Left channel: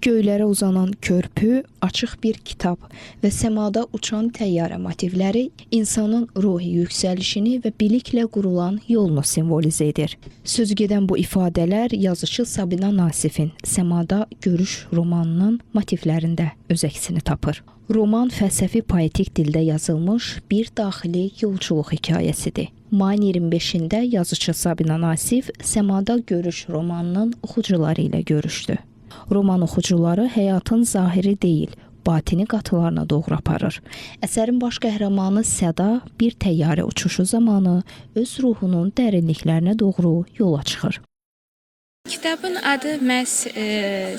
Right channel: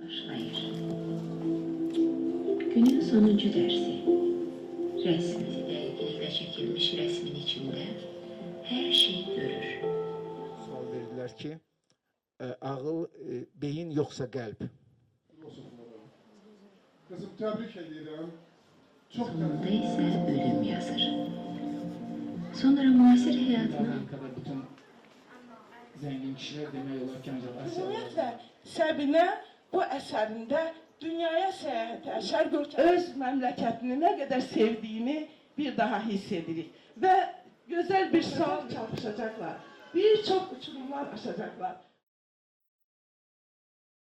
Göylərə uzanan körpü, açıq bir kitab və səmada uçan təyyarə motivləri insanın ruhi yüksəlişini və biliklə qurulan yolunu simvolizə edir. Sözügedən bu ifadələr yazıcı Sabina Nasifin Səmada Görüş romanının motivlərində öz əksini tapır. Roman fəlsəfi poetik dildə yazılmış bir daxili yolculuq hekayəsidir. Mayın 25-də yazıcı Sabina Nasif Səmada Görüş romanının oxucuları ilə görüşdü. Roman oxucuları həyatın zahiri deyil, batini qatılarına doğru aparır. Əsərin baş qəhrəmanı Səda bir təyyarə uçuşu zamanı öz ruhunun dərinliklərinə doğru yola çıxır. Kitabın adı məhz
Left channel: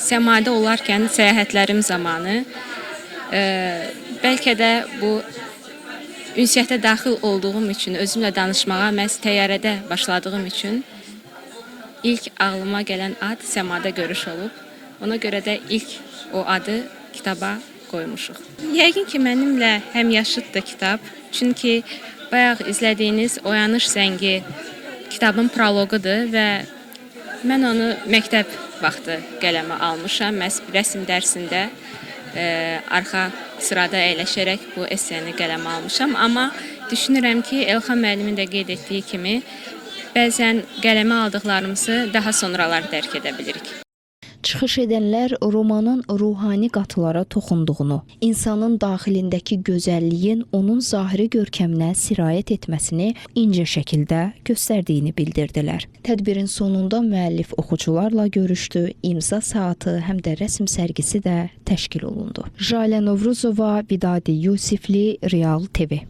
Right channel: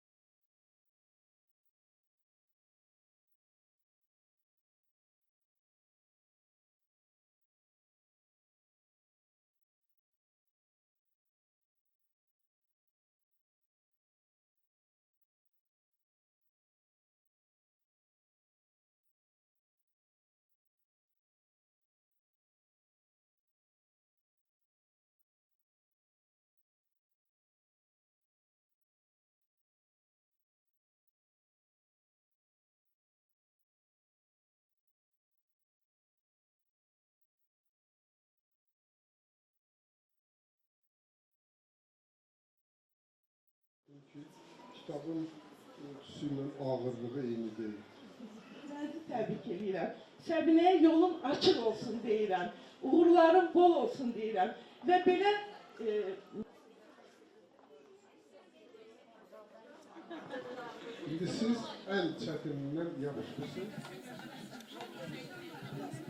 səmada olarkən səyahətlərim zamanı, bəlkə də bu ünsiyyətə daxil olduğum üçün, özümlə danışmağa məhz təyyarədə başladığım üçün ilk ağlıma gələn ad Səmada Görüş olub. Ona görə də ilk o adı kitaba qoymuşuq. Yəqin ki, mənimlə həmyaşıddır kitab. Çünki bayaq izlədiyiniz Oyanış Zəngi kitabın proloqudur və mən onu məktəb vaxtı qələmə almışam. Məhz rəsm dərsində arxa sırada əyləşərək bu esseni qələmə almışam. Amma düşünürəm ki, Elxan müəllimin də qeyd etdiyi kimi, bəzən qələmə aldıqlarımızı daha sonralar dərk edə bilirik. Çıxış edənlər romanın ruhani qatılara toxunduğunu, insanın daxilindəki gözəlliyin onun zahiri görkəminə sirayət etməsini incə şəkildə göstərdiyini bildirdilər. Tədbirin sonunda müəllif oxucularla görüşdü, imza saatı, həm də rəsm sərgisi də təşkil olundu. Jalə Novruzova, Vidadi Yusifli, Real TV.